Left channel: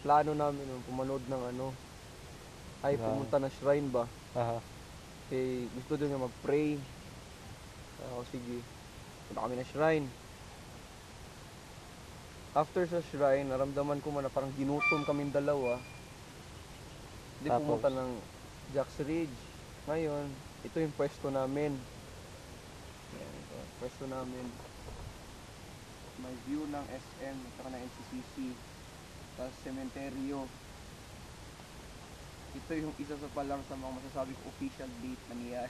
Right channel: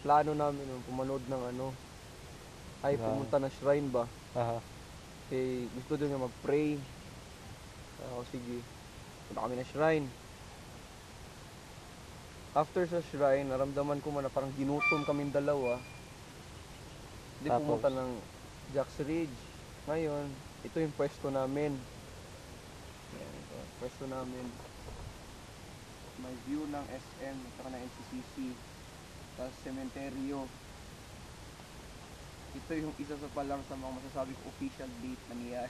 plano namin nun, pumanood ng ano, ay pumunta ng shrine ba? Aha. Eh, gusto doon niya mag-pray. Ako, sige. Punta kami ng shrine. After sa shrine, naramdaman ko man na parang ginutom kaming dalawa. Hindi Tapos? pumunta ng Jack's Ridge. Ngayon, ito yung pwesto namin. Ayan, ito, pwesto namin. May view ng SM at saka ng NCCC. Tapos sementeryo. Ito yung isa sa palang sa mga masasabi ko official date na niya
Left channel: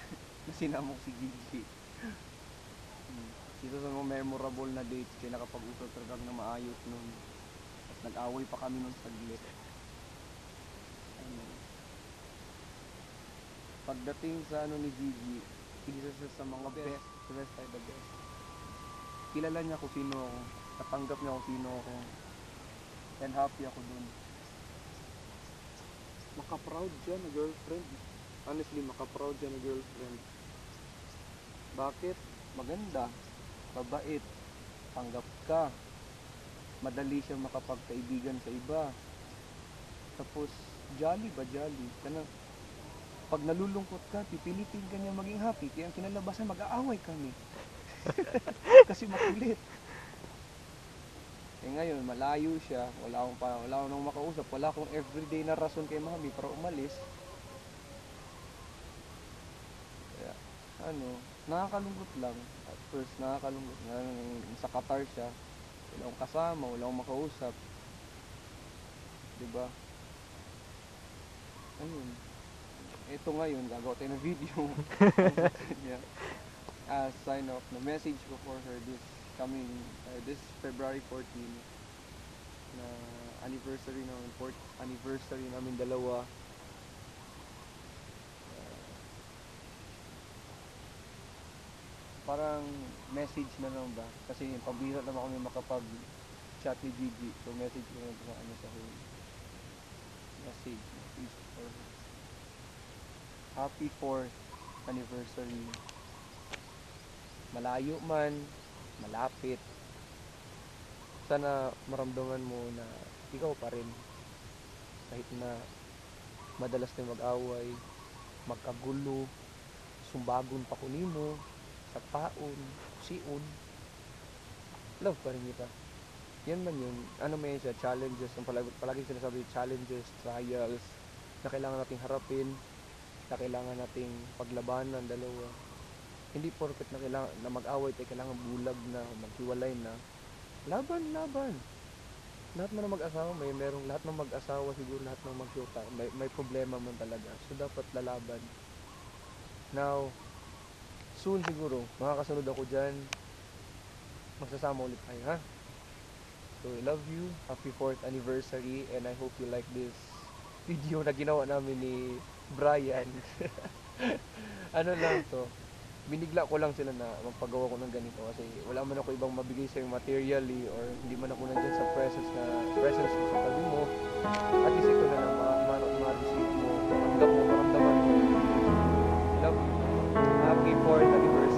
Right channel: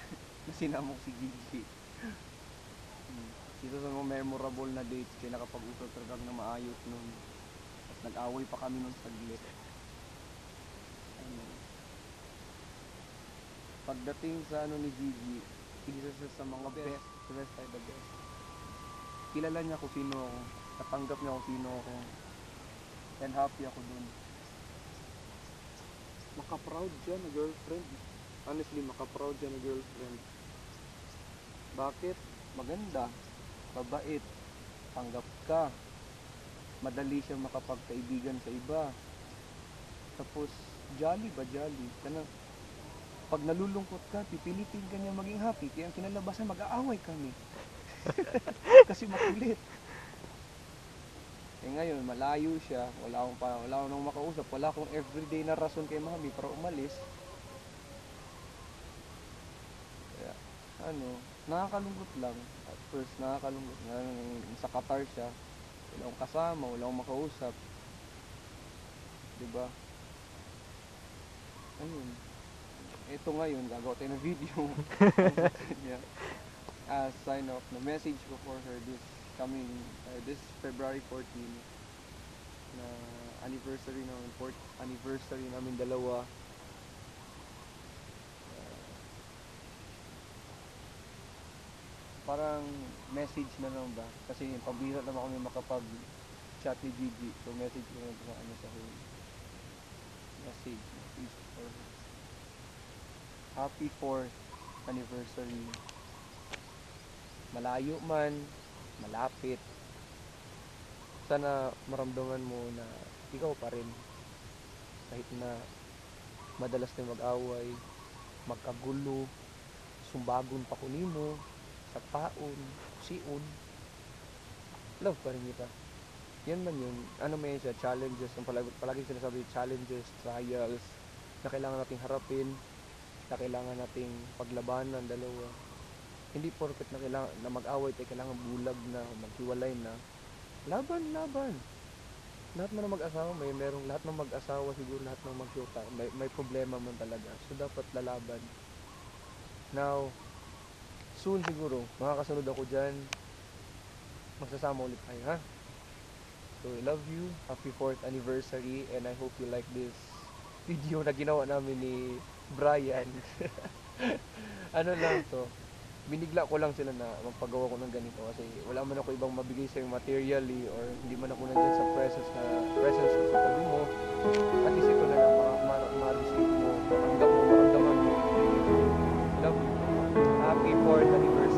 na sinamok si Gigi. Isa sa mga memorable na dates kaya nakapag-usap talaga na maayos nun. Tapos nag-away pa kami nun saglit. Ano. Pagdating sa ano ni Gigi, isa siya sa mga best. The best ay the best. Kilala niya kung sino ako. Natanggap niya kung sino ako. And happy ako dun. Maka-proud siya na girlfriend. Honestly, maka-proud siya na girlfriend. Bakit? Maganda. Mabait. Tanggap ka. Madali siya makapagkaibigan sa iba. Tapos, jolly ba jolly? Kana, pag nalulungkot ka, pipilitin ka niya maging happy. Kaya ang kinalabasan, mag-aaway kami. Kasi makulit. Eh ngayon, malayo siya. Wala akong nang makausap. Wala akong everyday na rason kay mami para umalis. Kaya, ano, nakakalungkot lang. At first, nakakalungkot. Sa Qatar siya. Wala akong kasama, wala akong makausap. Diba? Ayun. Ito ngayon, gagawa tayo ng video. As sign off, na message ko for her this February 14 na anniversary namin, 4th anniversary namin dalawa. Parang message na lang ba? Kasi pabira naman kami makapag-chat ni Gigi. So message ko na sa ano sa home. Message for her. Happy 4th anniversary. Malayo man, malapit. Sana maramdaman mo na ikaw pa rin. Kahit na madalas na mag-away, magkagulo, sumbagon pa kunimo, sa paon, siun, love pa rin kita. Yan man yun. Ano may siya, challenges. Palagi sinasabi, challenges, trials, na kailangan nating harapin, na kailangan nating paglabanan dalawa. Hindi porket na kailangan na mag-away tayo, kailangan bulag na, maghiwalay na. Laban. Lahat man ng mag-asawa, lahat ng mag-asawa siguro, lahat ng mag-shota, may problema man talaga. So dapat lalaban. Now, soon siguro, makakasunod ako dyan. Magsasama ulit tayo, ha? So, I love you. Happy 4th anniversary. And I hope you like this video na ginawa namin ni Brian. Ano lang to, binigla ko lang sila na magpagawa ko ng ganito kasi wala man ako ibang mabigay sa'yo materially or hindi man ako nandiyan sa presence ko sa tabi mo. At least ito na lang ma-receive mo, matanggap mo, maramdaman mo. Love you. Happy 4th anniversary.